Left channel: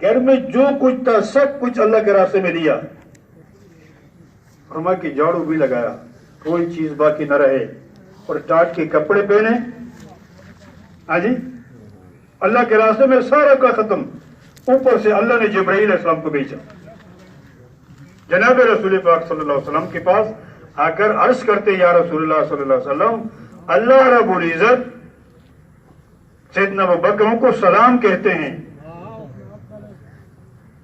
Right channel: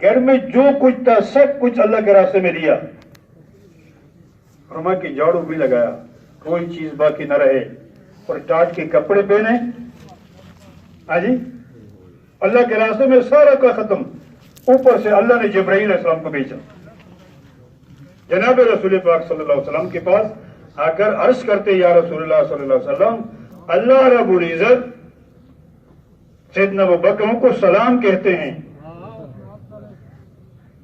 گھر میں جو کچھ تھا سب کچھ اللہ کے راستے میں دیا، فرما کی جھاڑو بھی لگایا، کوئی چیز باقی نہ رہے، اور ٹاٹ کے کپڑے پہنے، ہاں جی، اللہ کے راستے میں سارا کا ختم۔ اوپر سے اللہ نے جبرائیل علیہ السلام کو بھیجا جناب رسول پاک صلی اللہ علیہ وسلم کے پاس آ کر عرض کرتے، یا رسول اللہ صلی اللہ علیہ وسلم، اللہ رب العزت سیدنا ابوبکر کو سلام کہتے ہیں۔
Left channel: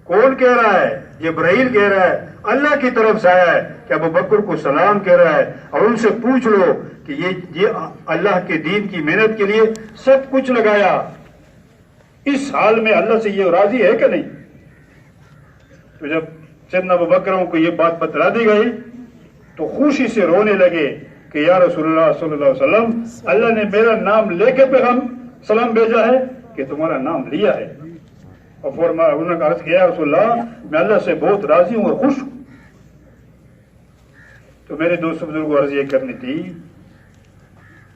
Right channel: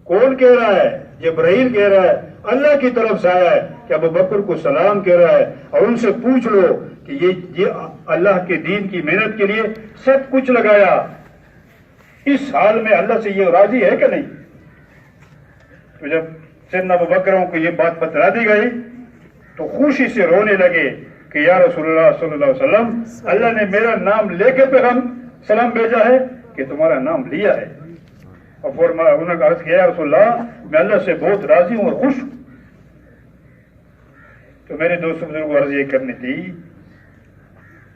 کون کہہ رہا ہے؟ جبرائیل کہہ رہا ہے، اللہ کی طرف سے آیا ہے کہ ابوبکر کو سلام کہہ رہا ہے، اور ان سے پوچھ لو کہ یہ اللہ کے دین کی محنت کے لیے سب کچھ لگایا، اس حال میں اللہ سے یہ راضی ہے کہ نہیں؟ تو جب سیدنا ابوبکر کو یہ بات بتلا دی گئی تو خوشی سے رونے لگے کہ یا رسول اللہ صلی اللہ علیہ وسلم، اللہ نے میرا نام لے کے پیغام سلام بھیجا ہے کہ تمہارا نام لیا ہے؟ اور انہوں نے عرض کیا، یا رسول اللہ، میں اللہ سے بہت راضی ہوں اور خوش ہوں۔ تو میرے دوستوں بزرگوں کو عرض یہ کرنی تھی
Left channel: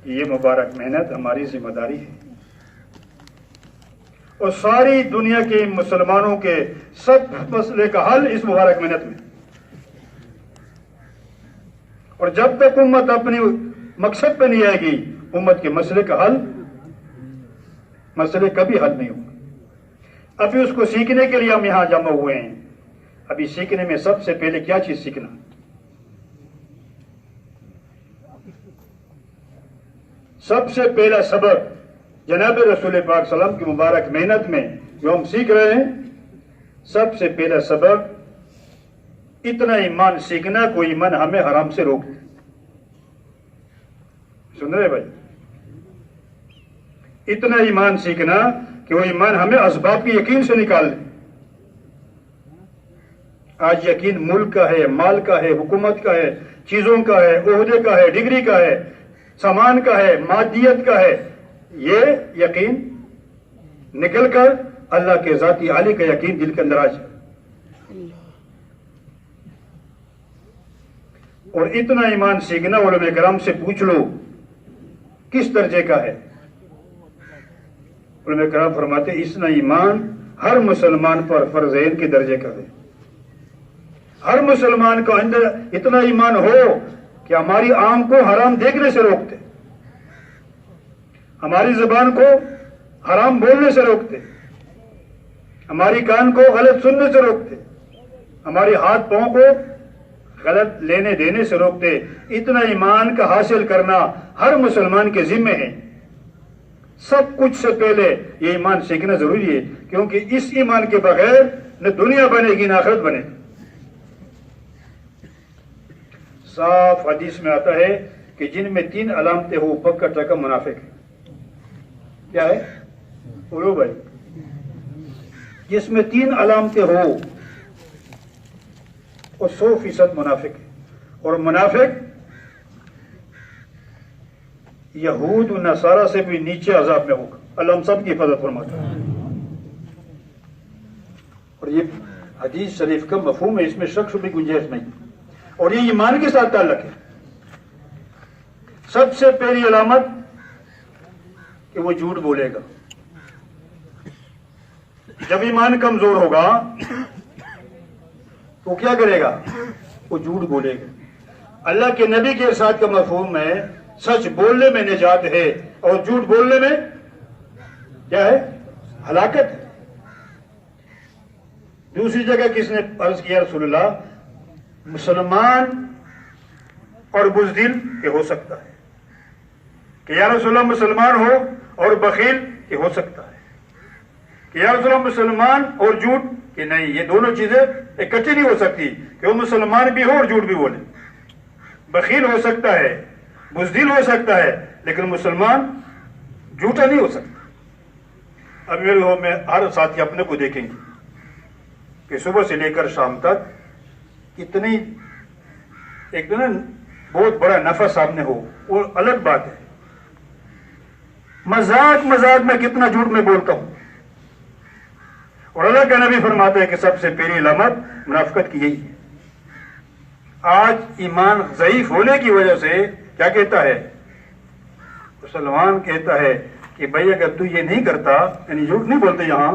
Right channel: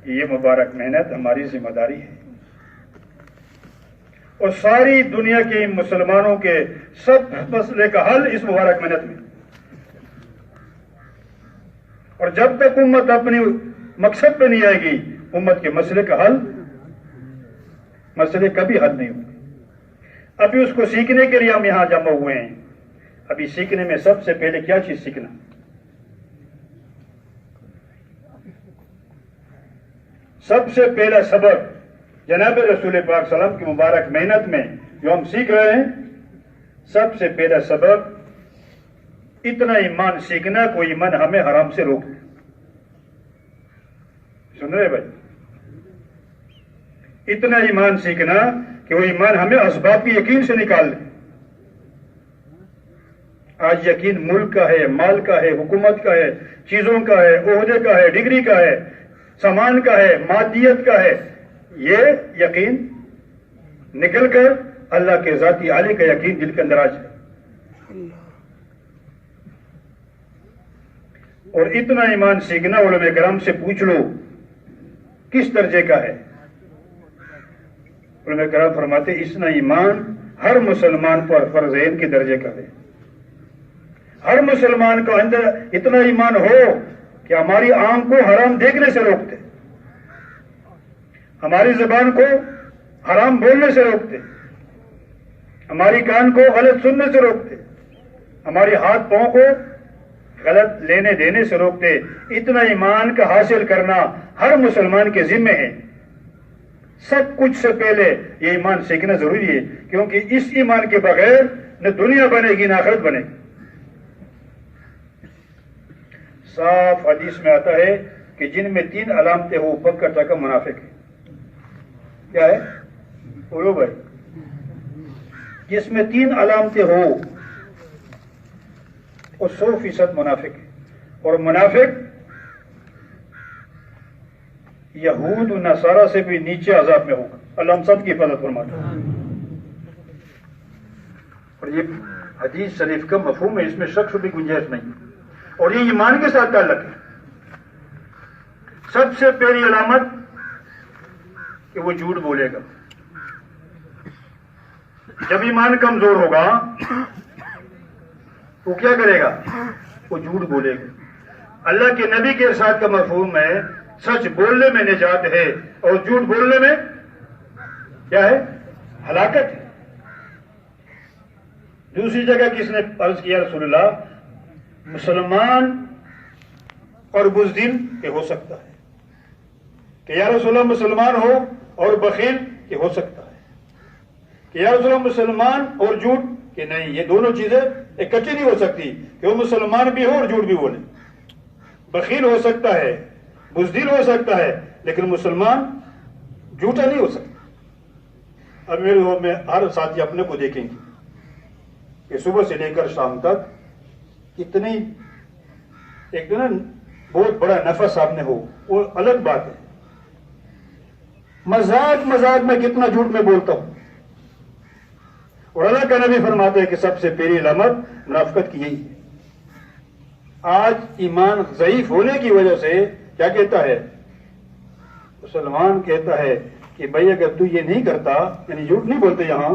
کہ یہ مبارک محنت ہماری ذمہ داری ہے، اور ساری دنیا کے مسلمانوں کے سب مسئلے کا حل اس مبارک محنت میں، اور جب تک امت اپنی مقصد پہ نہیں آئے گی، امت کے مسئلے کا حل، مسئلے کبھی حل نہیں ہوں گے۔ ابھی اس کو سیکھنے کے لیے ہم یہاں جمع ہوئے ہیں۔ ابھی سیکھنے میں سب سے پہلے کیا چیز سیکھنا؟ سب سے پہلا سبق جناب رسول پاک صلی اللہ علیہ وسلم کی مبارک محنت میں جو ہم سیکھ رہے ہیں، سب سے پہلا سبق اتنا ایمان سیکھنا کوئی ایمان ہمیں حرام سے روک دے۔ سن رہے بھائی؟ اتنا ایمان سیکھنا کہ وہ ایمان ہمیں اسباب کی یقین سے نکال دے۔ آج یقین ملک کا ہے، مال کا ہے، حکومت کا ہے، چیزوں کا ہے، عہدے کا ہے، ڈگری کا ہے، سامان کا ہے، مادیت کا ہے، یہ یقین نکل کر اللہ کے ذاتی عالی کا یقین دل کے اندر آ جائے۔ اور اتنا ایمان سیکھنا، علماء کرام سے پوچھ لو کس درجے کا ہے؟ علماء کرام فرماتے اتنا ایمان ہر مسلمان پر فرض عین کے درجے کا ہے۔ ہر مسلمان کا اندر اتنا ایمان ہو کہ ہماری آنکھ کو حرام دیکھنے سے روکتے، ہماری زبان کو حرام بولنے سے روکتے، ہماری کان کو غلط سننے سے روکتے، ہماری ہاتھ پاؤں کو غلط لینے دینے سے روکتے۔ اتنا ایمان کا حاصل کرنا ہر مسلمان کے ذمہ ہے۔ سب کچھ سے پہلے یہ ایمان سیکھنا ضروری ہے، کیونکہ اس ایمان کے بغیر نہ دنیا بنے گی نہ آخرت بنے گی۔ صاف حدیث میں آتا ہے کہ جن میں 3 علامتیں ہو پکا ٹکا منافق ہے۔ کیا ہے؟ بولو بھائی۔ جس میں 3 علامتیں ہو وہ 100% منافق ہے، اور منافق یہود و نصارہ سے بھی نیچے عذاب میں ہوگا۔ اللہ ہم سب کی حفاظت فرماتا ہے۔ اور یہ حدیث شریف کا مفہوم ہے، اس میں شک شبہ کی گنجائش نہیں، اور یہ ایمان کے ساتھ تعلق ہے۔ سب سے پہلی علامت کہ وہ جھوٹ بولے گا۔ جب ایمان کمزور ہوگا تو کیا کرے گا؟ وہ جھوٹ بولے گا۔ اللہ کے نبی کے ارشاد کا مفہوم ہے سچ بولنے میں نجات ہے، اور جھوٹ بولنے میں کیا ہے؟ ہلاکت ہے۔ دوسری جگہ کس نے عرض کیا رسول اللہ، مسلمان اور بزدل کہ ہو سکتا ہے، کہ یا رسول اللہ مسلمان ہو اور بخیل کہ ہو سکتا ہے، کہ یا رسول اللہ مسلمان اور جھوٹ کہ نہیں، یہ دونوں چیزیں اکٹھی نہیں ہو سکتی، کہ وہ مسلمان بھی ہو اور جھوٹ بھی بولے۔ بخیل ہو سکتا ہے، بزدل ہو سکتا ہے، لیکن مسلمان جھوٹا نہیں ہو سکتا۔ اب میرے میں ہر ساتھی اپنے کو دیکھیں گے کہ صبح سے لے کر شام تک کتنی ایک دن بہت بڑا نفع سامنے ہو، وہ الگ بات ہے۔ مذاق میں کتنا جھوٹ میں بولتا ہوں، اور اللہ کا نبی فرماتا ہے کہ سب سے پہلی علامت منافقت کی یہی ہے۔ آج ایمان ضعیف ہونے کی وجہ سے کیا کہتا ہے؟ مسلمان کہتا ہے کہ بھائی اگر تو یہ نہیں کرتا، یعنی جھوٹ نہیں بولتے یہاں،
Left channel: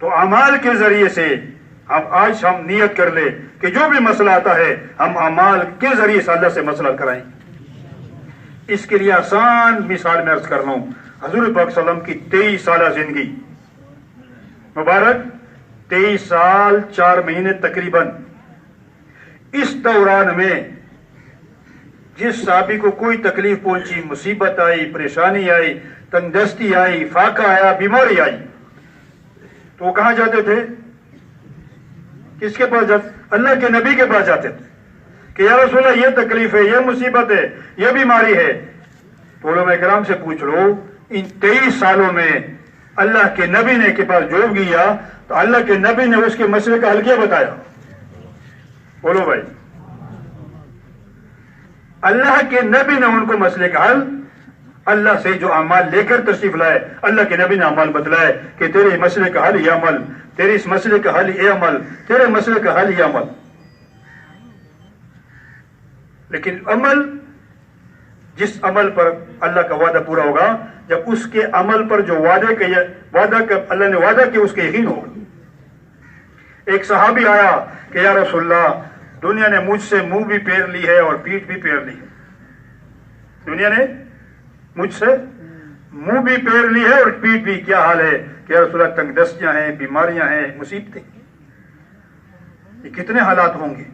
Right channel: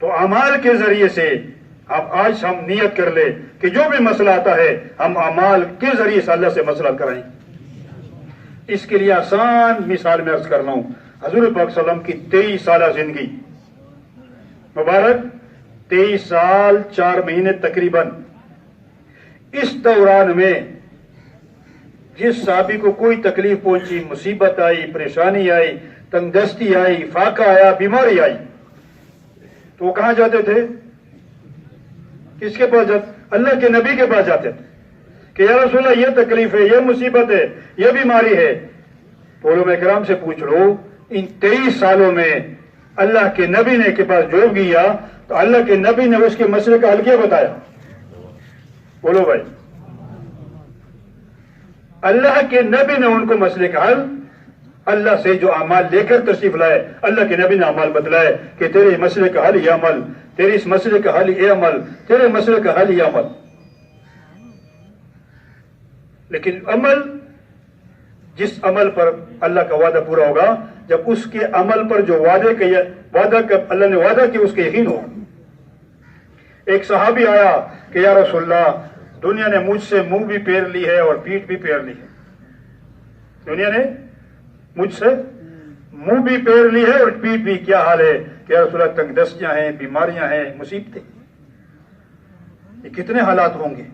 تو اعمال کے ذریعے سے آج ہم نیت کر لیں کہ جو بھی مسئلہ آتا ہے ہم اعمال کے ذریعے سے اللہ سے مسئلہ کرائیں. اس کے لیے آسان مثال میں عرض کر رہا ہوں. حضور پاک صلی اللہ علیہ وسلم کی 23 سالہ زندگی مبارک، 23 سال 4 مہینے تقریباً. اس دوران میں جس صحابی کو کوئی تکلیف پہنچی، مصیبت آئی، پریشانی آئی، تنگدستی آئی، فاقہ آیا، بیماری آئی، تو وہ کہاں جاتے تھے؟ کس کے پاس جاتے؟ اللہ کے نبی کے پاس جاتے تھے کہ یا رسول اللہ یہ تکلیف ہے، یہ مصیبت ہے، یہ بیماری ہے. تو علماء کرام سے پوچھ لو ان 23 سالوں میں اللہ کے نبی نے کے پاس جو گیا تو اللہ کے نبی نے اس کے مسئلے کا حل کیا بتایا؟ بولو بھائی. اللہ کے نبی نے ان کو مسئلے کا حل، اللہ سے جو اعمال لے کر تشریف لائے، اللہ کے نبی نے اعمال بتلائے کہ تیرے مسئلے کا حل یہ عمل، تیرے اس مسئلے کا حل یہ عمل، تیرے مسئلے کا حل یہ عمل. لیکن عمل، جس عمل پر اللہ کا وعدہ پورا ہوگا، جب اس کے عمل پر جو اللہ نے وعدہ کیا اس کا یقین ہوگا. ایک صحابی آیا کہ یا رسول اللہ دنیا نے مجھ سے منہ بھی پھیر لی ہے اور پیٹھ بھی پھیر لی ہے. دنیا نے مجھ سے منہ بھی پھیر لی ہے اور پیٹھ بھی. کیا حال ہے کہ یا رسول اللہ تنگ دستیاں ہیں، بیماریاں ہیں، مصیبتیں، یہ کتنے حالات ہوں گے؟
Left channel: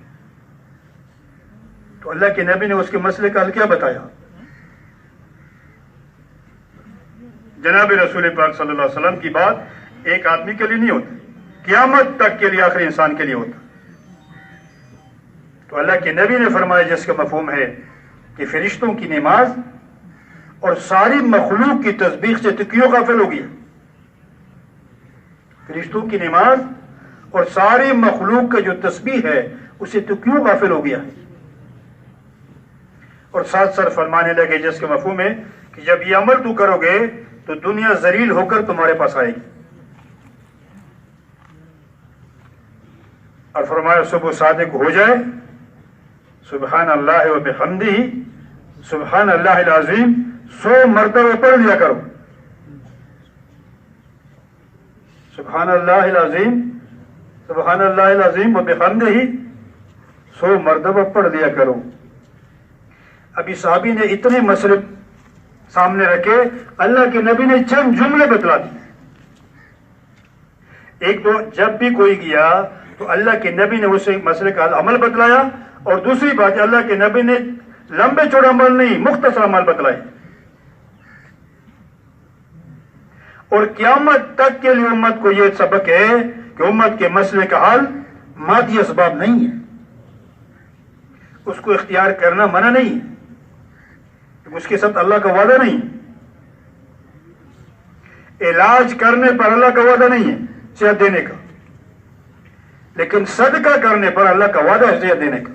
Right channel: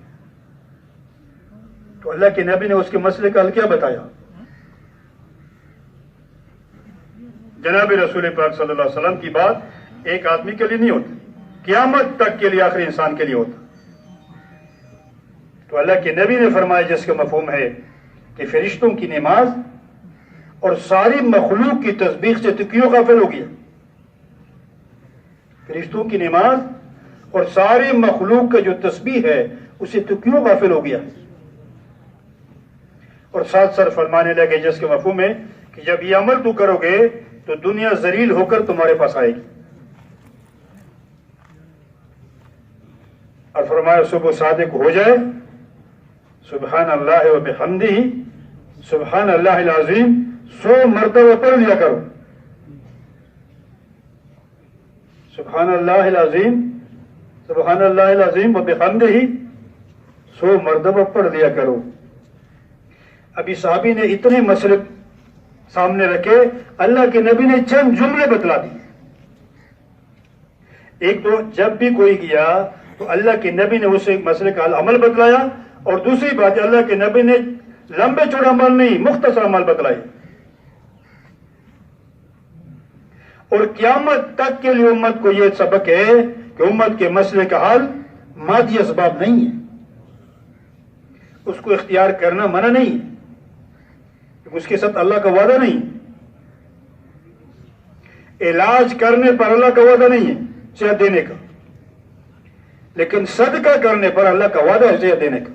تو اللہ کے نبی نے اس کے مسئلے کا حل کیا بتایا؟ جناب رسول پاک صلی اللہ علیہ وسلم کی بات ایک آدمی کے لیے نہیں ہوتی، قیامت تک کے لیے آخری انسان کے لیے ہوتا. تو اللہ کے نبی نے فرمایا جس کا مفہوم ہے کہ فرشتوں کی نماز اور ساری مخلوق کی تسبیح سے تو کیوں غافل ہو گیا؟ فرشتوں کی نماز اور ساری مخلوق کا جو تسبیح ہے اسے تو کیوں غافل ہو گیا ہے؟ اور ساتھ ساتھ فرمانے لگے جس کا مفہوم ہے کہ جب یہ عمل تو کرو گے تو دنیا ذلیل ہو کر تمہارے پاس آئے گی. اور فرمایا صبح صادق ہو جائے سبحان اللہ و بحمدہ سبحان اللہ العظیم 100 مرتبہ پڑھ لیا کرو. سبحان اللہ العظیم، سبحان اللہ العظیم و بحمدہ 100 مرتبہ پڑھ لیا کرو. ابھی صحابی نے اتنے مسئلے سامنے رکھے، اللہ کے نبی نے چند جملے بتلا دی. ایک تو جب بھی کوئی گیا تو اللہ کے نبی نے اسے مسئلے کا عمل بتلایا، اور دوسری بات اللہ کے نبی نے لمبے چوڑے عمل نہیں مختصر عمل بتلائے. اور قیامت تک کے لیے امت کو یہ سبق ہے کہ امت کے مسئلے کا حل مادی اسباب نہیں ہے، اس کو اختیار کرنا منع نہیں ہے، اس کے ساتھ اللہ کا وعدہ نہیں ہے. علاج کرنے پر اللہ کا وعدہ نہیں ہے صحت دینے کا، لیکن صدقہ کرنے پر اللہ کا وعدہ ہے صحت دینے کا.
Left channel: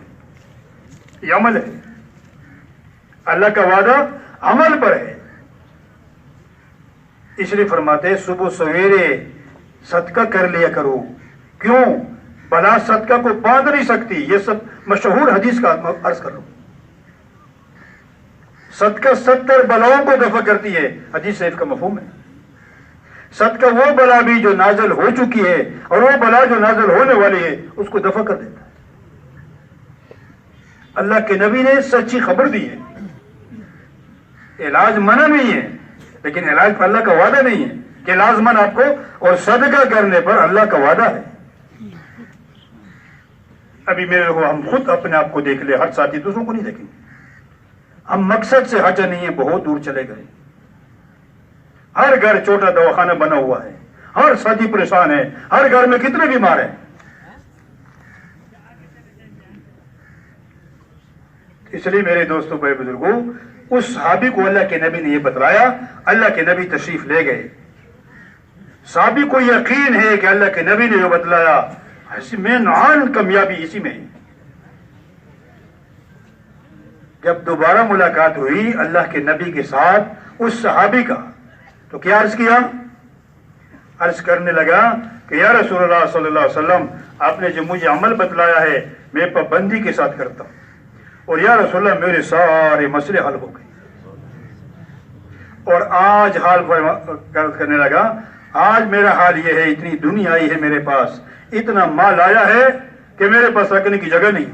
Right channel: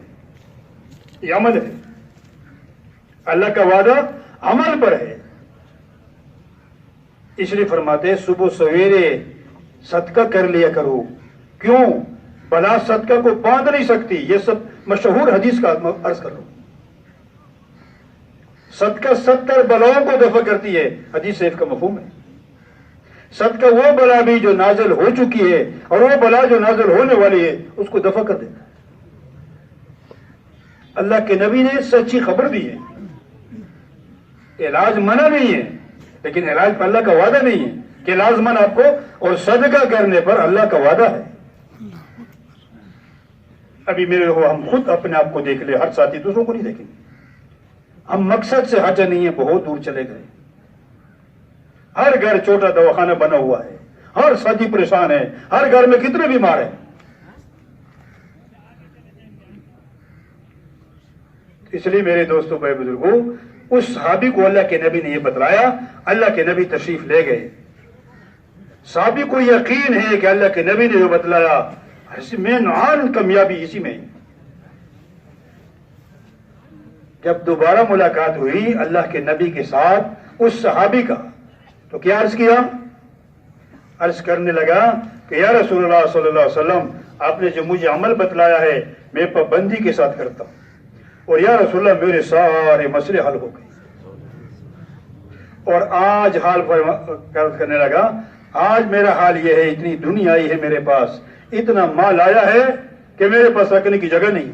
یہ عمل ہے، اللہ کا وعدہ عمل پر ہے. اس لیے فرماتے صبح سویرے صدقہ کر لیا کرو. کیوں؟ بلا صدقہ کو باندھ نہیں سکتی. یہ سب مشہور حدیث کا عرض کر رہا ہوں. صدقہ 70 بلاؤں کو دفع کرتی ہے، حدیث شریف کا مفہوم ہے. صدقہ وہ بلا بھی جو نازل ہو چکی ہے اور وہ بلا جو نازل ہونے والی ہے اس کو دفع کر دیتا ہے. اللہ کے نبی نے سچی خبر دی ہے. علاج منع نہیں ہے، لیکن علاج پر اللہ کا وعدہ نہیں ہے کہ لازمن آپ کو، اور صدقہ کرنے پر اللہ کا وعدہ ہے. ابھی میرے لوگوں ہم خود اپنے آپ کو دیکھ لیں، ہر ساتھی دوسروں کو نہیں دیکھیں. ہم مقصد سے ہٹے نہیں ہیں، بہت دور چلے گئے. ہر گھر چھوٹا دواخانہ بنا ہوا ہے، ہر ساتھی پریشان ہے، ہر گھر میں کتنے بیمار ہیں. اس لیے میرے دوستوں بڑے بزرگوں، اس صحابی کو اللہ کے نبی نے یہ بتلایا، اللہ کے نبی تشریف لے گئے. صحابی کو یقین ہے کہ اللہ کے نبی نے جو بتلایا میں نعان کامیابی اسی میں ہے. جب دوبارہ ملاقات ہوئی اللہ کے نبی کے ساتھ اس صحابی کا، تو کیا عرض کیا؟ عرض کرنے لگا کہ یا رسول اللہ صلی اللہ علیہ وسلم آپ نے جو مجھے عمل بتلایا ہے میں پابندی کے ساتھ کرتا ہوں، اور یا رسول اللہ میرے سارے مسئلے حل ہو گئے. اور آج حال کرنے لگا آج میرا حال یہ ہے، اتنی دنیا آئی ہے میرے پاس، اتنا مال آیا ہے کہ میرے پاس رکھنے کی جگہ نہیں۔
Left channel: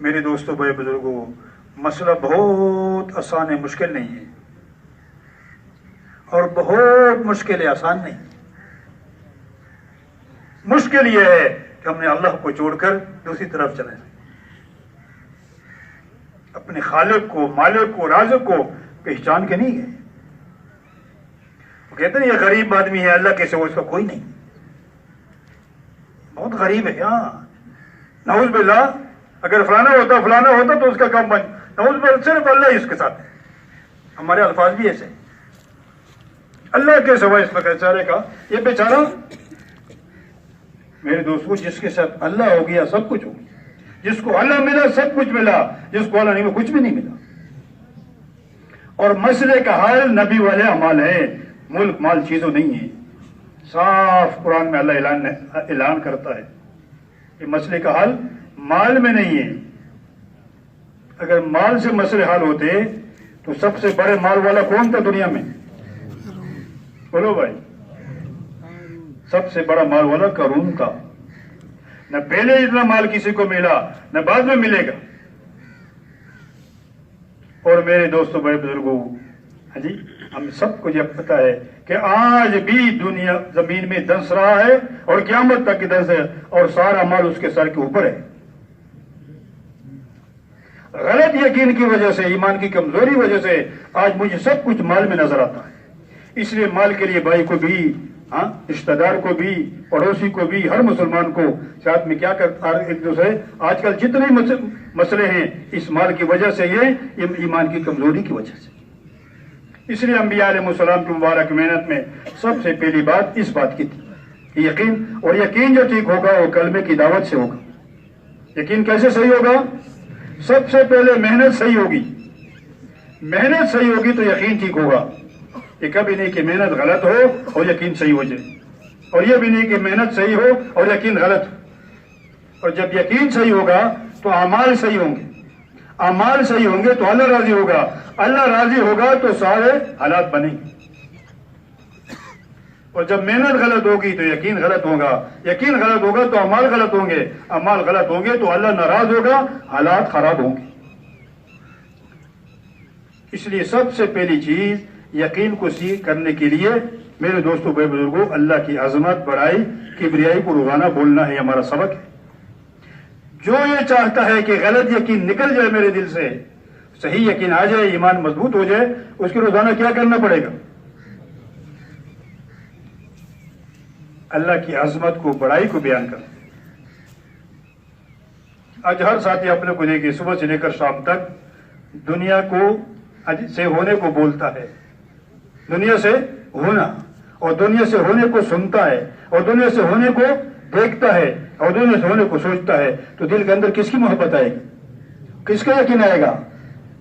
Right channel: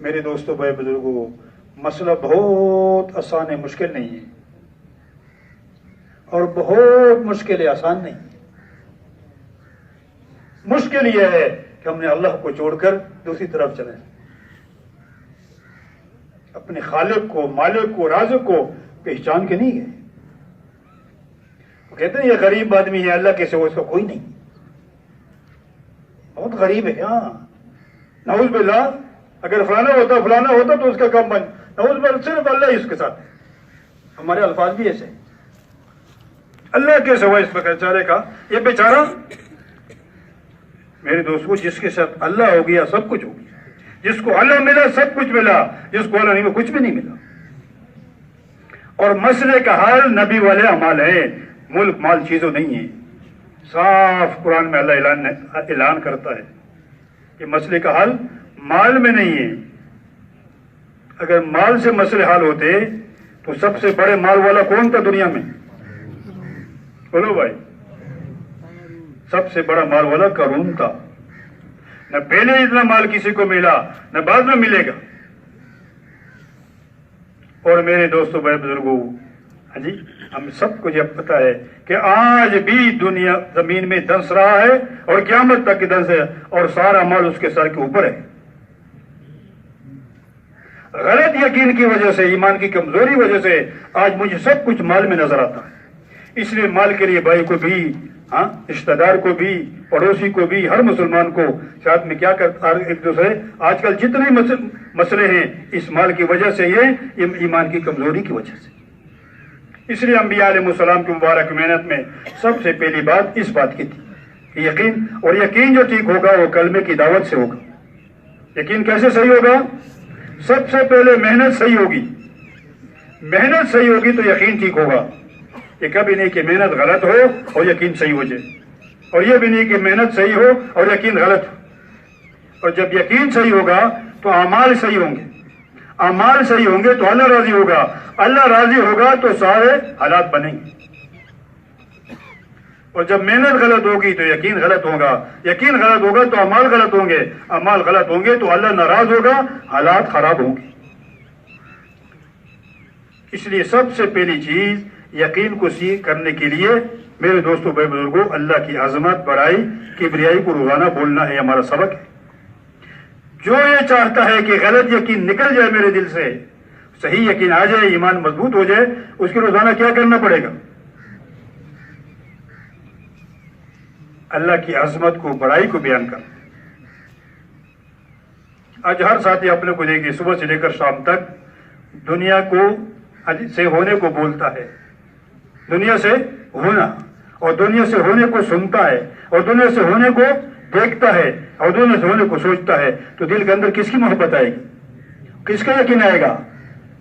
میرے دوستوں، بڑے بزرگوں، مسئلہ بہت آسان ہے، مشکل نہیں ہے، اور بہت مشکل ہے، آسان نہیں۔ مشکل یہ ہے کہ ہم نے اللہ کو چھوڑ کر دوسری طرف چلے، اپنے خالق کو، مالک کو، رازق کو پہچان کے نہیں گئے۔ وہ کہتے ہیں یہ غریب آدمی ہے، اللہ کے سوا اس کا کوئی نہیں، بہت غریب ہے۔ ہاں، نعوذ باللہ، اگر فلانا ہوتا تو اس کا کام بن، نعوذ باللہ، صرف اللہ ہی اس کے ساتھ۔ ہمارے الفاظ بھی ایسے، اللہ کے سوا اس بیچارے کا، یہ بیچارہ میرے دوستوں جس کے ساتھ اللہ ہو گیا سب کچھ ہو گیا، جس کو اللہ ملا سب کچھ ملا، جس کو اللہ نہیں وہ کچھ بھی نہیں ملا۔ اور مسئلے کا حل نبی والے اعمال ہے، ملک مال چیزوں نہیں ہے۔ صاف قرآن میں اللہ اعلان کرتا ہے کہ مسئلے کا حل مال میں نہیں ہے۔ اگر مال سے مسئلے حل ہوتے تو سب سے بڑے مال والا کون تھا دنیا میں؟ بولو بھائی، سب سے بڑا مال والا قارون تھا۔ نہ پہلے اتنا مال کسی کو ملا، نہ بعد میں ملے گا۔ اور میرے دوستوں، بڑے بزرگوں، ہاں جی، ہم سب کو یہ پتا ہے کہ آج بھی دنیا زمین میں دنس رہا ہے اور قیامت تک دنس ہے، اور سارا مال اس کے سر کے اوپر ہے۔ غلط یقین کی وجہ سے، ایمان کی کمزوری وجہ سے آج مجھے سب کچھ مال میں نظر آتا ہے۔ اس لیے مال کے لیے بھائی کو بھی، ہاں، رشتہ دار کو بھی، پڑوسی کو بھی، ہر مسلمان کو ساتھ میں کیا کرتا ایک دوسرے، آج کل جتنے مسئلے ہیں اس مال کی وجہ سے، یہ ایمان کی کمزوری کی وجہ سے۔ اس لیے انبیاء علیہ السلام کی مبارک محنت میں سب سے پہلی بات اس بات کی تھی کہ یقین، اور یقین جو ٹھیک ہوگا وہ کلمے کی دعوت سے ہوگا۔ یقین کیسے صحیح ہوگا؟ سب سے پہلے محنت صحیح ہوگی، محنت صحیح ہوگی تو یقین ٹھیک ہوگا۔ یہ کبھی نہیں کہ محنت غلط ہو اور یقین صحیح ہو جائے، اور یہ بھی نہیں کہ محنت صحیح ہو اور یقین غلط ہو۔ اور جب یقین صحیح ہوگا تو اعمال صحیح ہوں گے، اعمال صحیح ہوں گے تو اللہ راضی ہوگا، اللہ راضی ہوگا تو سارے حالات بنیں گے۔ اور جب محنت غلط ہوگی تو یقین غلط ہوگا، یقین غلط ہوگا تو اعمال غلط ہوں گے، اعمال غلط ہوں گے تو اللہ ناراض ہوگا، حالات خراب ہوں گے۔ اس لیے سب سے پہلی چیز یقین کو سیکھ کرنے کے لیے میرے دوستوں، بڑے بزرگوں، اللہ کی عظمت، بڑائی، کبریائی کو روزانہ بولنا ہے، ہمارا سبق ہے۔ جو یہ چاہتا ہے کہ غلط یقین نکل جائے میرے دل سے، صحیح یقین آ جائے، ایمان مضبوط ہو جائے، اس کے روزانہ کیا کرنا پڑے گا؟ اللہ کی عظمت کو، بڑائی کو بیان کرنا۔ آج ہر ساتھی اپنے کو دیکھیے، صبح سے لے کر شام تک دنیا کو سے ہونے کو بولتا ہے، دنیا سے ہونا، اور دنیا سے ہونے کو سنتا ہے، اور دنیا سے ہونے کو دیکھتا ہے، اور دنیا سے ہونے کو سوچتا ہے، تو دل کے اندر کس کی محبت آئے گی؟ کس کا یقین آئے گا؟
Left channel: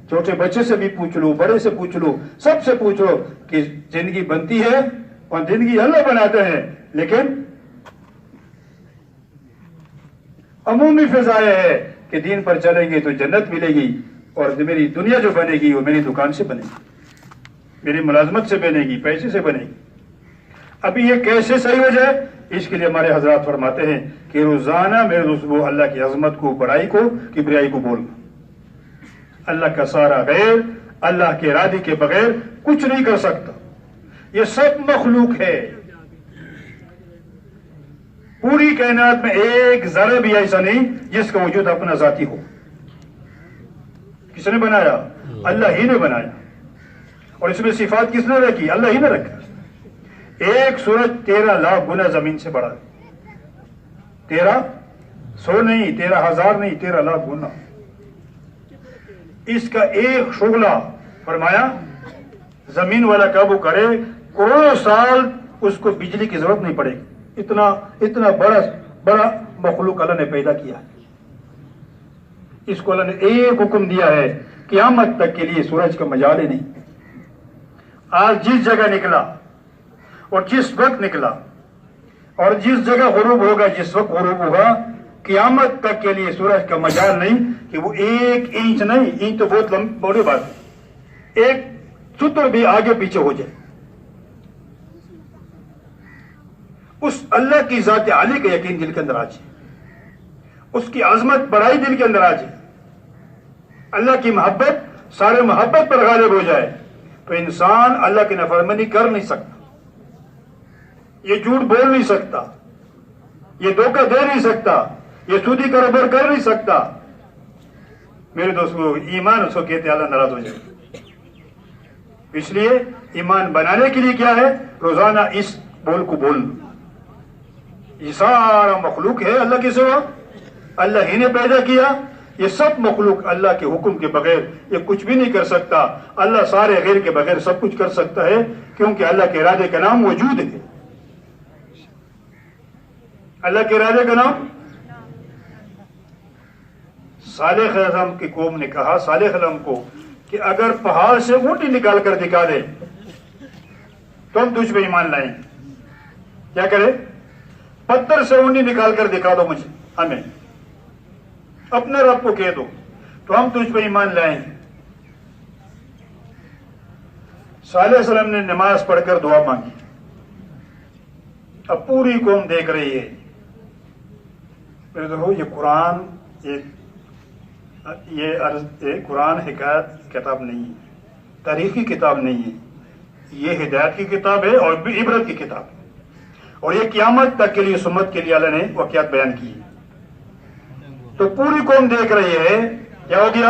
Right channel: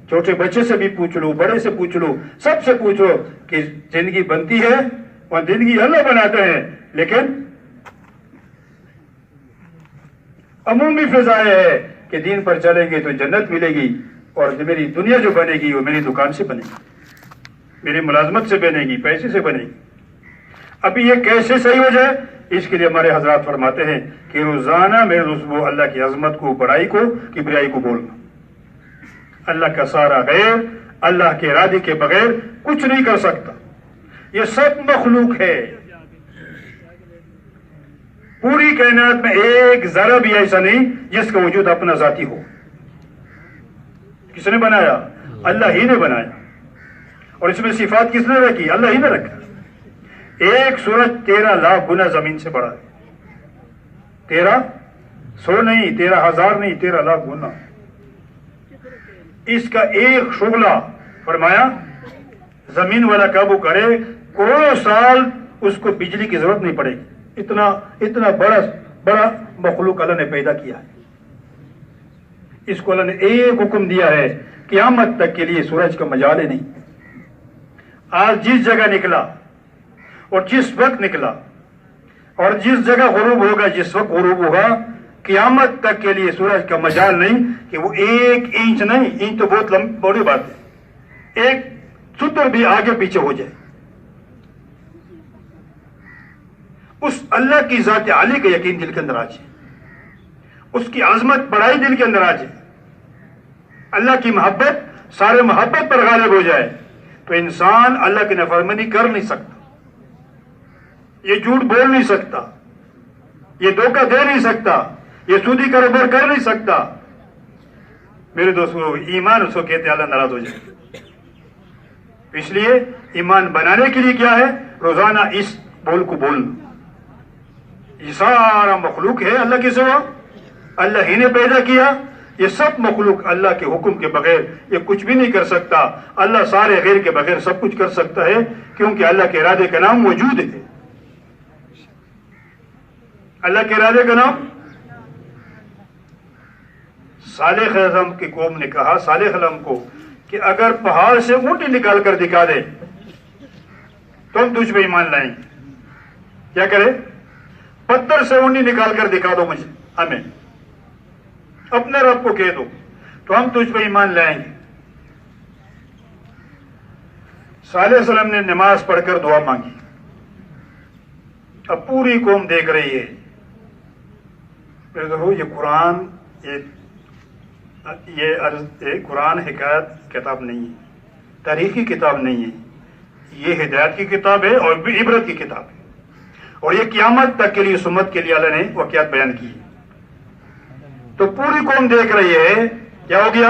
چھوٹے بچے سے بھی پوچھ لو، بڑے سے پوچھ لو، سب سے پوچھو کہ زندگی بنتی ہے اور زندگی اللہ بناتے ہیں، لیکن عمومی فضا ہے کہ دین پر چلیں گے تو جنت ملے گی، اور میری دنیا جو بنے گی وہ میری دکان سے بنے گی، میری ملازمت سے بنے گی، پیسے سے بنے گی۔ ابھی یہ کیسے صحیح ہو جائے؟ اس کے لیے ہمارے حضرات فرماتے ہیں کہ روزانہ میرے دوستوں اللہ کی عظمت کو، بڑائی کو، کبریائی کو بولنا۔ اللہ کا سارا غیر، اللہ کے ارادے کے بغیر کچھ نہیں کر سکتا، یہ سب مخلوق ہے۔ پوری کائنات میں ایک ذرہ بھی ایسا نہیں جس کا وجود اپنا ذاتی ہو۔ کس نے بنایا؟ اللہ ہی نے بنایا، اور اس میں صفات کس نے رکھی؟ اللہ ہی نے رکھا۔ ایک سورج 13 لاکھ گنا زمین سے بڑا ہے، 1300 نہیں، 13,000 نہیں، 13 لاکھ گنا۔ اس کا ایک شعلہ فرمایا زمین والا قابو کرے، کروڑوں سال اس کو بجلی کی ضرورت نہیں پڑے گی، اتنا بڑا مخلوق اللہ نے پیدا کیا ہے۔ اس کو اللہ نے ایک حکم دیا ہے، قیامت تک کے لیے سورج کا مجال ہی نہیں۔ آج جس جگہ نکلا اور جس وقت نکلا اور جس جگہ غروب ہوگا، جس وقت غروب ہوگا، قیامت تک کے لیے سورج کا مجال نہیں کہ وہ 1 انچ نہیں، انچ تو بہت بڑی بات ہے، 1 ستر بھی آگے پیچھے ہو جائے، اس اللہ کی ذات عالی کا یقین دل کے اندر آ جائے, اس کی عظمت بڑائی دل کے اندر آ جائے, اللہ کی محبت سارے محبت پر غالب ہو جائے, تو انسان اللہ کی نافرمانی کر نہیں سکتا, یہ جھوٹ بول نہیں سکتا, یہ دھوکہ دے نہیں سکتا, یہ سودی کاروبار کر نہیں سکتا. میرے دوستوں, ایمان اس کو کہتے ہیں اللہ ناراض ہو جائے. اس لیے ایمان بنانے کے لیے کیا ہے؟ روزانہ اس بول کو بولنا. یہ سارا مخلوق ہے اللہ کے سوا, اللہ ہی نے پیدا کیا. یہ سب مخلوق اللہ کے حکم کے بغیر یہ کچھ بھی نہیں کر سکتا. اللہ سارے غیر کے بغیر سب کچھ کر سکتا ہے, کیونکہ اللہ کے ارادے کا نام وجود ہے. اللہ کے ارادے کا نام. صالح علیہ کی قوم نے کہا صالح علیہ کو کہ اگر پہاڑ سے اونٹی نکال کر دکھا دے تو ہم تجھ پہ ایمان لائیں گے. کیا کرے؟ پتھر سے اونٹی نکال کر دکھا دو مجھے, ہمیں اپنے رب کو کہہ دو تو ہم تجھ پہ ایمان لائیں گے. صالح علیہ السلام نے نماز پڑھ کر دعا مانگی. اب پوری قوم دیکھ رہی ہے. میرے دیکھو, یہ قرآن یہ قرآن حکایت کتاب نہیں ہے, تاریخی کتاب نہیں ہے, یہ ہدایت کی کتاب ہے اور بھی عبرت کی کتاب ہے, اور یہ قیامت تک کے لیے سمت کے لیے اللہ نے واقعات بیان کی ہے. تو پوری قوم دیکھ رہی ہے. کیا ہو گیا؟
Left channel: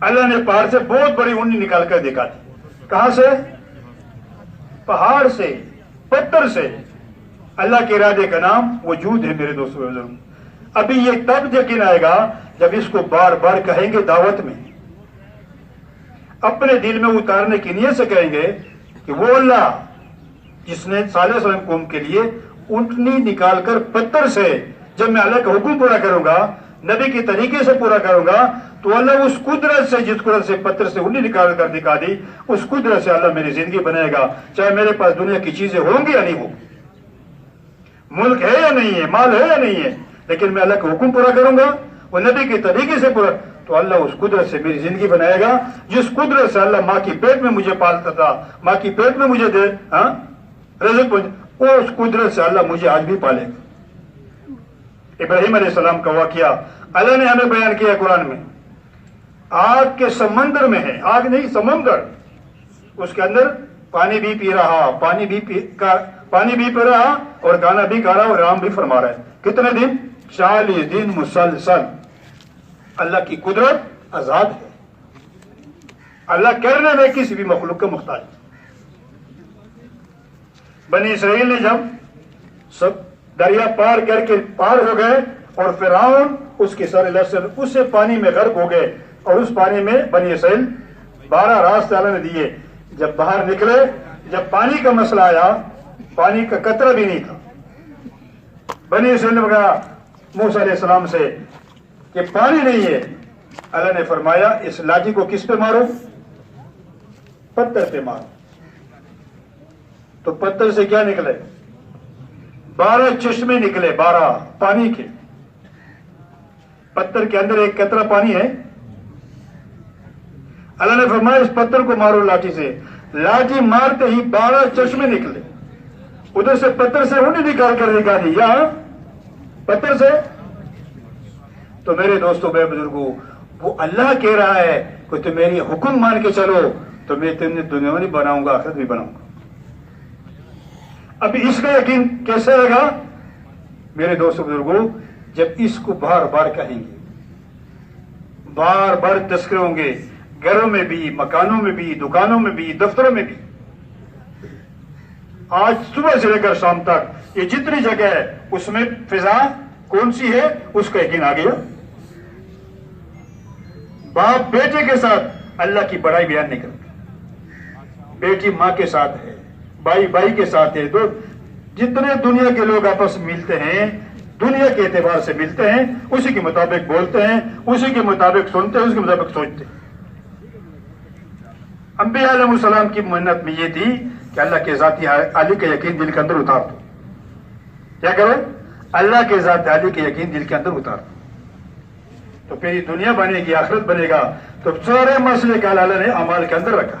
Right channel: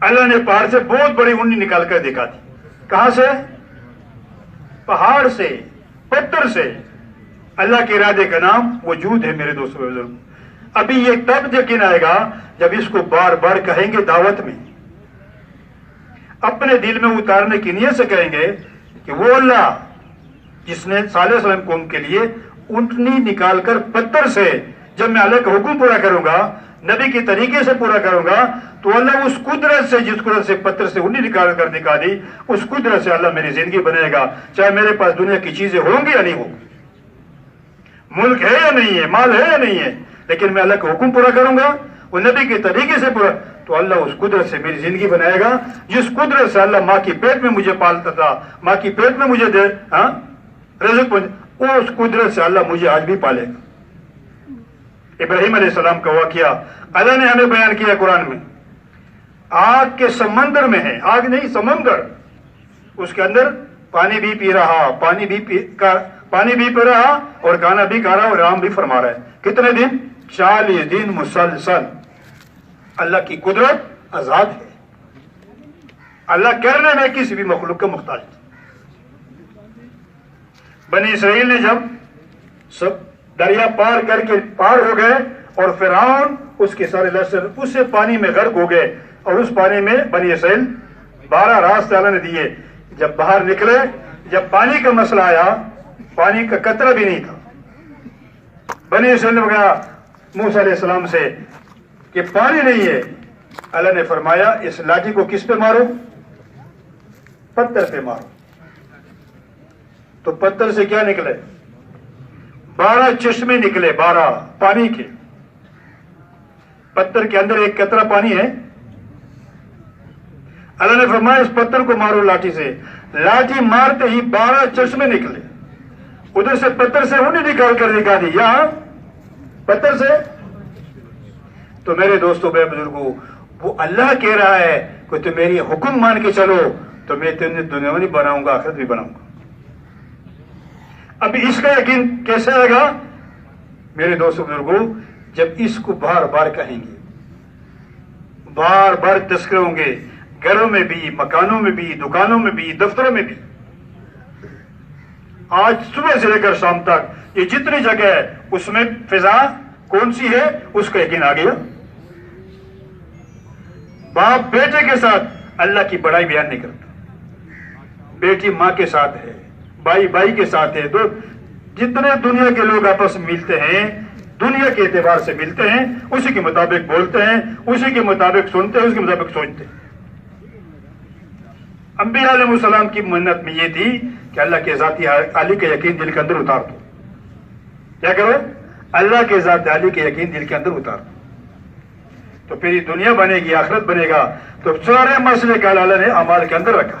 اللہ نے پہاڑ سے بہت بڑی اونٹی نکال کر دکھا دی. کہاں سے؟ پہاڑ سے, پتھر سے. اللہ کے ارادے کا نام وجود ہے. میرے دوستوں, ابھی یہ تب یقین آئے گا جب اس کو بار بار کہیں گے دعوت میں, اپنے دل میں اتارنے کی نیت سے کہیں گے کہ وہ اللہ جس نے صالح علیہ السلام قوم کے لیے اونٹنی نکال کر پتھر سے, جب میں اللہ کا حکم پورا کروں گا, نبی کے طریقے سے پورا کروں گا, تو اللہ اس قدرت سے, جس قدرت سے پتھر سے اونٹنی نکال کر دکھا دی, اس قدرت سے اللہ میری زندگی بنائے گا, چاہے میرے پاس دنیا کی چیزیں ہوں گی یا نہیں ہوگی, ملک ہے یا نہیں ہے, مال ہے یا نہیں ہے, لیکن میں اللہ کا حکم پورا کروں گا, وہ نبی کے طریقے سے پورا, تو اللہ اس قدرت سے میری زندگی بنائے گا. جس قدرت سے اللہ ماں کی پیٹ میں مجھے پالتا تھا, ماں کی پیٹ میں مجھے دے رزق, وہ اس قدرت سے اللہ مجھے آج بھی پالے گا. ابراہیم علیہ السلام کا واقعہ اللہ نے ہمیں بیان کیا قرآن میں. آگ کے سمندر میں ہے, آگ نہیں سمندر, اس کے اندر پانی بھی پی رہا, پانی بھی پی رہا اور کھانا بھی کھا رہا اور آرام بھی فرما رہا ہے. کتنے دن؟ 40 دن مسلسل. اللہ کی قدرت آزاد ہے, اللہ کرنے میں کسی بھی مخلوق کا محتاج. بنی اسرائیل نے جب سب دریا پار کر کے پار ہو گئے اور فرعون اس کے سارے لشکر اسے پانی میں غرق ہو گئے, اور اس پانی میں بنی اسرائیل 12 راستے اللہ نے دیے. جب باہر نکلے, جب پانی کا مسئلہ آیا, پانی کا قطرہ بھی نہیں تھا. بنی اسرائیل نے کہا موسیٰ علیہ السلام سے کہ پانی نہیں ہے. اللہ نے فرمایا اس لاٹھی کو کس پہ مارو؟ پتھر پہ مارو. تو پتھر سے کیا نکلے؟ 12 چشمے نکلے, 12 پانی کے. پتھر کے اندر ایک قطرہ پانی ہے. اللہ نے فرمایا اس پتھر کو مارو لاٹھی سے. لاٹھی مارتے ہی 12 چشمے نکلے. ادھر سے پتھر سے اونٹنی نکال کر دکھا دی, یہاں پتھر سے. تو میرے دوستوں, میرے بزرگوں, وہ اللہ کہہ رہا ہے کہ تم میری حکم مان کے چلو تو میں تمہیں دنیا میں بناؤں گا, آخرت بھی بناؤں گا. ابھی اس کا یقین کیسے آئے گا میرے دوستوں بزرگوں؟ جب اس کو بار بار کہیں گے, بار بار تذکرے ہوں گے, گھروں میں بھی, مکانوں میں بھی, دکانوں میں بھی, دفتروں میں بھی. آج صبح سے لے کر شام تک یہ جتنی جگہ ہے اس میں فضا کون سی ہے اس کا یقین آ گیا. باپ بیٹے کے ساتھ اللہ کی بڑائی بیان نہیں کرتا, بیٹی ماں کے ساتھ ہے, بھائی بھائی کے ساتھ ہے. تو جتنے دنیا کے لوگ آپس میں ملتے ہیں, دنیا کے اعتبار سے ملتے ہیں, اسی کے مطابق بولتے ہیں, اسی کے مطابق سنتے ہیں, اسی کے مطابق سوچتے ہیں. انبیاء علیہ السلام کی منت میں یہ تھی کہ اللہ کے ذاتی عالی کا یقین دل کے اندر اتار دو. کیا کرو؟ اللہ کے ذات عالی کے یقین دل کے اندر اتار دو, تو پھر یہ دنیا بنے گی, آخرت بنے گا. تو سارے مسئلے کا اللہ نے اعمال کے اندر رکھا.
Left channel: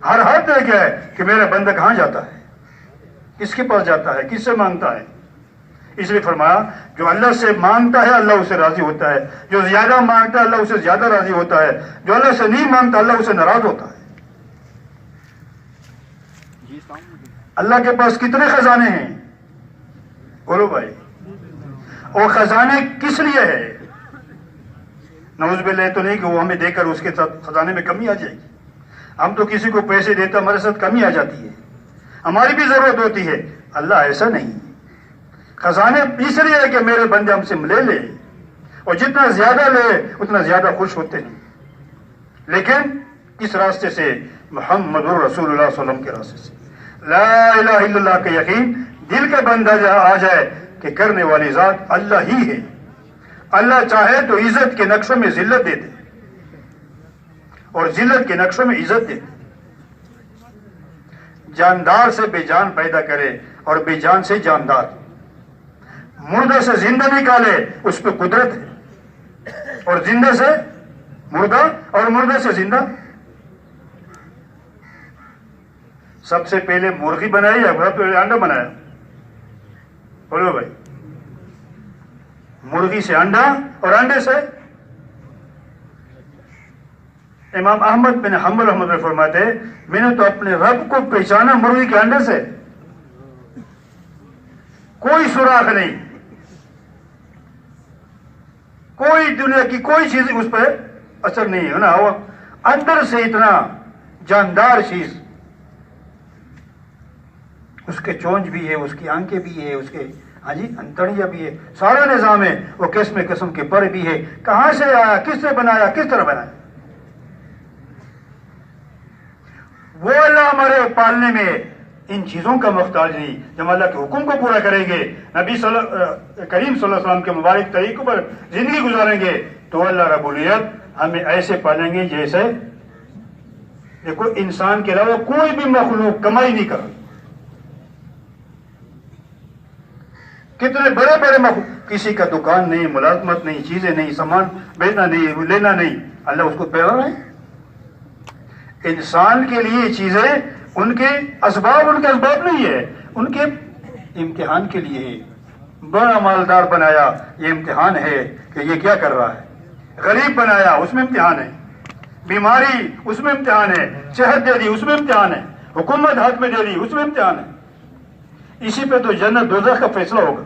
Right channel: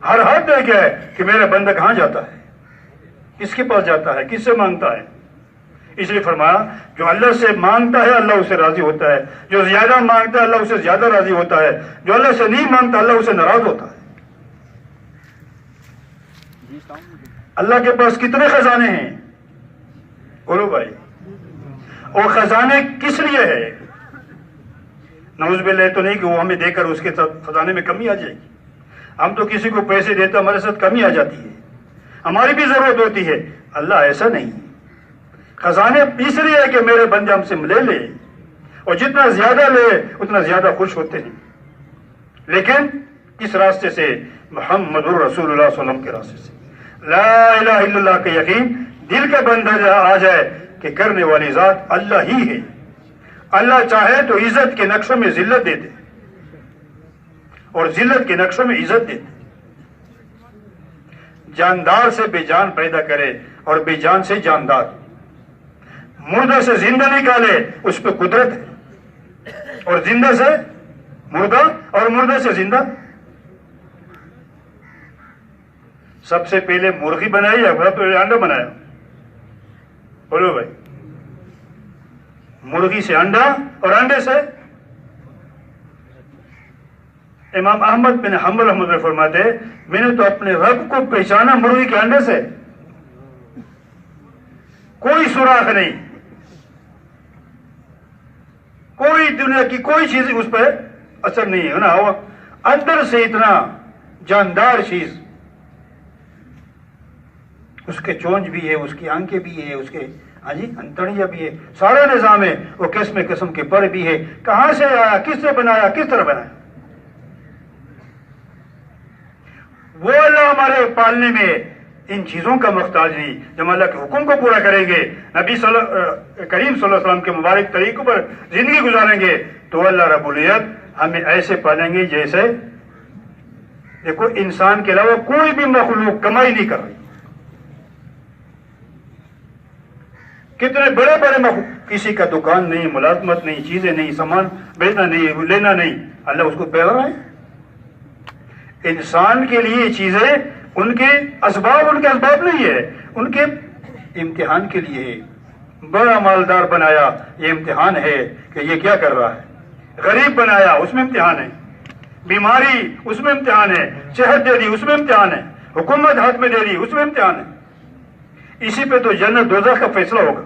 ہر ہاتھ دیکھا ہے کہ میرا بندہ کہاں جاتا ہے، کس کے پاس جاتا ہے، کس سے مانگتا ہے. اس لیے فرمایا جو اللہ سے مانگتا ہے اللہ اسے راضی ہوتا ہے، جو زیادہ مانگتا ہے اللہ اسے زیادہ راضی ہوتا ہے، جو اللہ سے نہیں مانگتا اللہ اسے ناراض ہوتا ہے. اللہ کے پاس کتنے خزانے ہیں بولو بھائی، اور خزانے کس لیے ہے؟ نعوذ باللہ تو نہیں کہ وہ ہمیں دے کر اس کے ساتھ خزانے میں کمی آ جائے گی. ہم تو کسی کو پیسے دیتے ہمارے ساتھ کمی آ جاتی ہے، ہماری بھی ضرورت ہوتی ہے. اللہ ایسا نہیں. خزانے اس لیے ہے کہ میرے بندے ہم سے لے لے، اور جتنا زیادہ لے اتنا زیادہ خوش ہوتے ہیں. لیکن کس راستے سے؟ محمد الرسول اللہ صلی اللہ علیہ وسلم کے راستے سے. لا الہ الا اللہ کا یقین دل کا بندہ آ جائے کہ کرنے والی ذات اللہ ہی ہے. اللہ چاہے تو عزت کے نقشوں میں ذلت دے دے اور ذلت کے نقشوں میں عزت دے دے. جاندار سے بے جان پیدا کرے اور بے جان سے جاندار، مردہ سے زندہ نکالے اس پہ قدرت ہے، اور زندہ سے مردہ اور مردہ سے زندہ. سب سے پہلے مرغی بنائی یا سب سے پہلے انڈا بنایا؟ بولو بھائی. مرغی سے انڈا اور انڈے سے. امام احمد بن حنبل رحمۃ اللہ فرماتے میں نے تو اپنے رب کو پہچانا مرغی کے انڈے سے. کوئی سوراخ نہیں، کوئی دنیا کی کوئی چیز اس پہ اثر نہیں ہے نا. وہ اندر سے اتنا جاندار چیز، اس کے چونچ بھی ہے، اس کی آنکھیں بھی ہے، اس کے انتڑیاں بھی ہے، سارا نظام ہے. وہ قسم قسم کے پر بھی ہے. کہاں سے آیا، کس سے بنایا، کس طرح بنایا؟ وہ اللہ ہمارے پالنے میں ان چیزوں کا محتاج نہیں. جب اللہ کے حکم کو پورا کریں گے، نبی کریم صلی اللہ علیہ وسلم کے مبارک طریقوں پر زندگی گزاریں گے، تو اللہ رب العزت ہمیں ایسے پالیں گے جیسے دیکھو انسان کے علاوہ کوئی بھی مخلوق کمائی نہیں کر رہی. کتنے بڑے بڑے مخلوق، کسی کا دکان نہیں، ملازمت نہیں، چیزیں نہیں، سامان بیچنا نہیں، لینا نہیں، اللہ اس کو پیدا ہے. انسان کے لیے چیزیں ان کے اسباب نہیں ہے، ان کے امتحان کے لیے ہے. بڑا مالدار بنایا، یہ امتحان ہے کہ یہ کیا کر رہا ہے. غریب بنایا، اس میں امتحان ہے. بیماری، اس میں امتحان ہے. صحت دے دی، اس میں امتحان ہے. حکومت ہاتھ میں دے دی، اس میں امتحان ہے. اسی پہ تو جنت دوزخ کا فیصلہ ہوگا.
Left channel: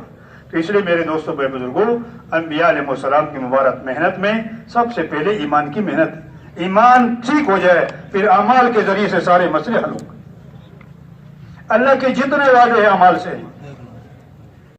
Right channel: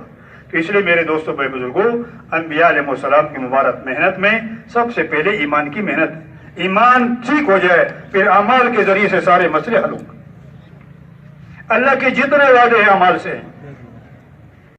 تو اس لیے میرے دوستوں بھائی بزرگوں، انبیاء علیہ السلام کی مبارک محنت میں سب سے پہلے ایمان کی محنت. ایمان ٹھیک ہو جائے پھر اعمال کے ذریعے سے سارے مسئلے حل ہوں گے. اللہ کے جتنے وعدے ہیں اعمال سے ہیں.